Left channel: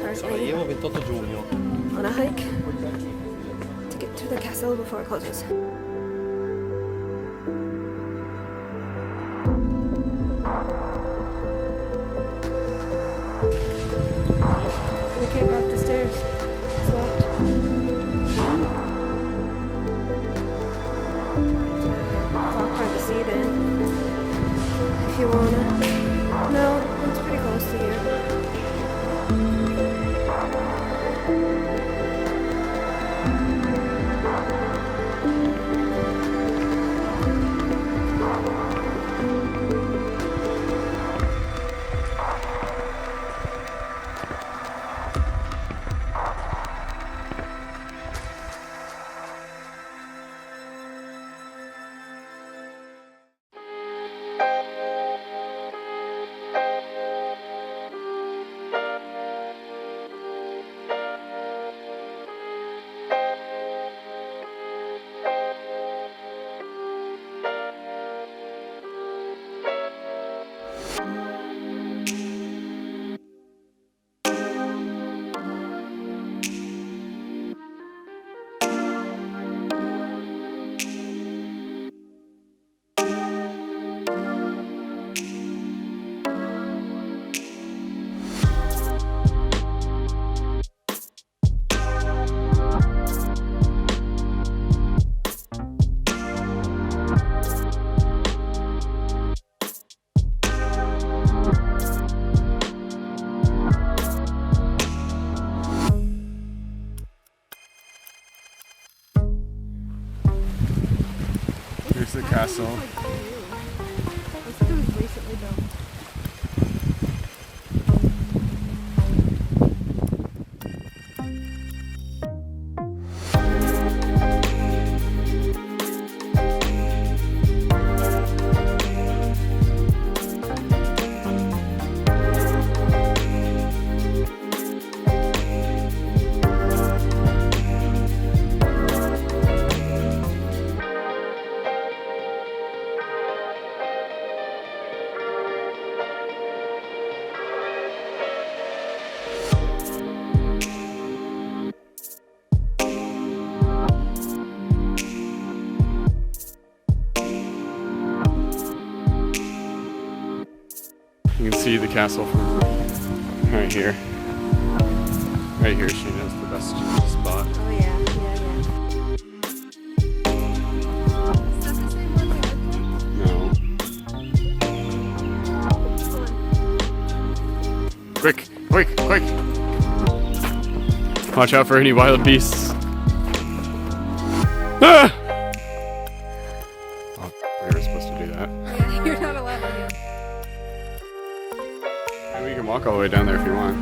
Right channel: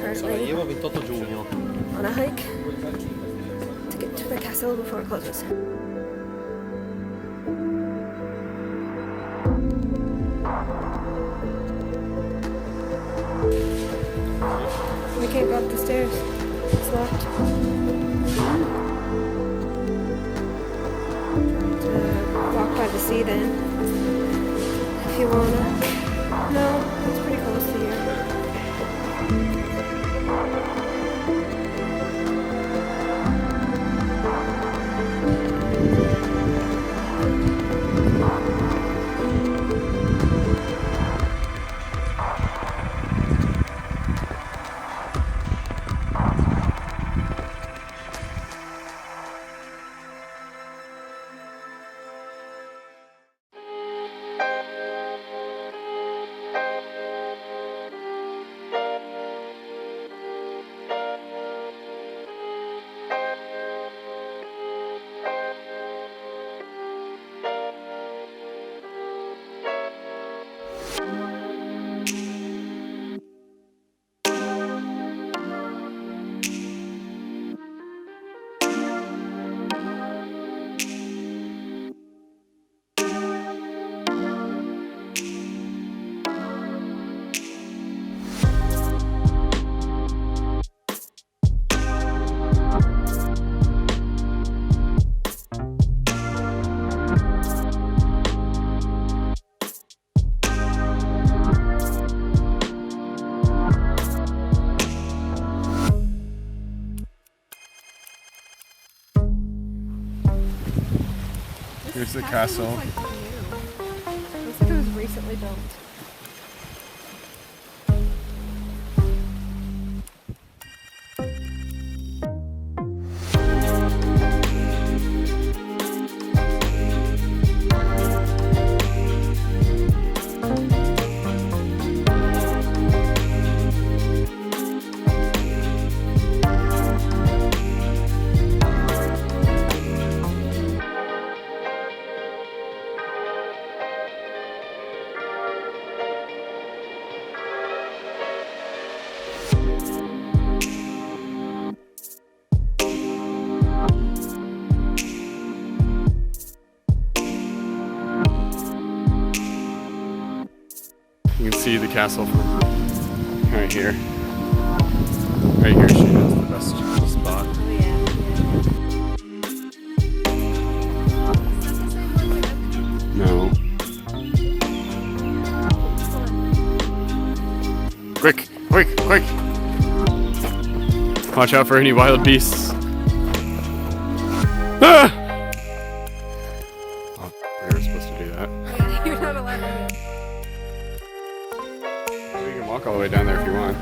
currently on a hike to get to the castle before it closes. We can't go up the stairs. It's locked. Walk by the sea then, if you wanna. No, it's pretty close to you. Here's the castle. It was recently built. You can see the castle from right here. Right here, she is the best spot. Oh yeah, No. Quick, quick, quick! Watch out for any wild beasts. Ah! Oh, we were supposed to do that. yeah. You're not allowed to. You can walk all the way down there if you want.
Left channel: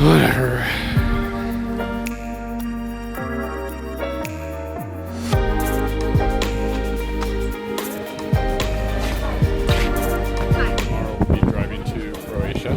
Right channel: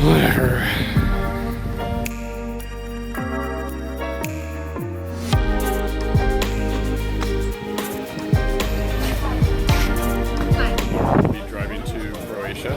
Whatever. We'll be driving to Croatia.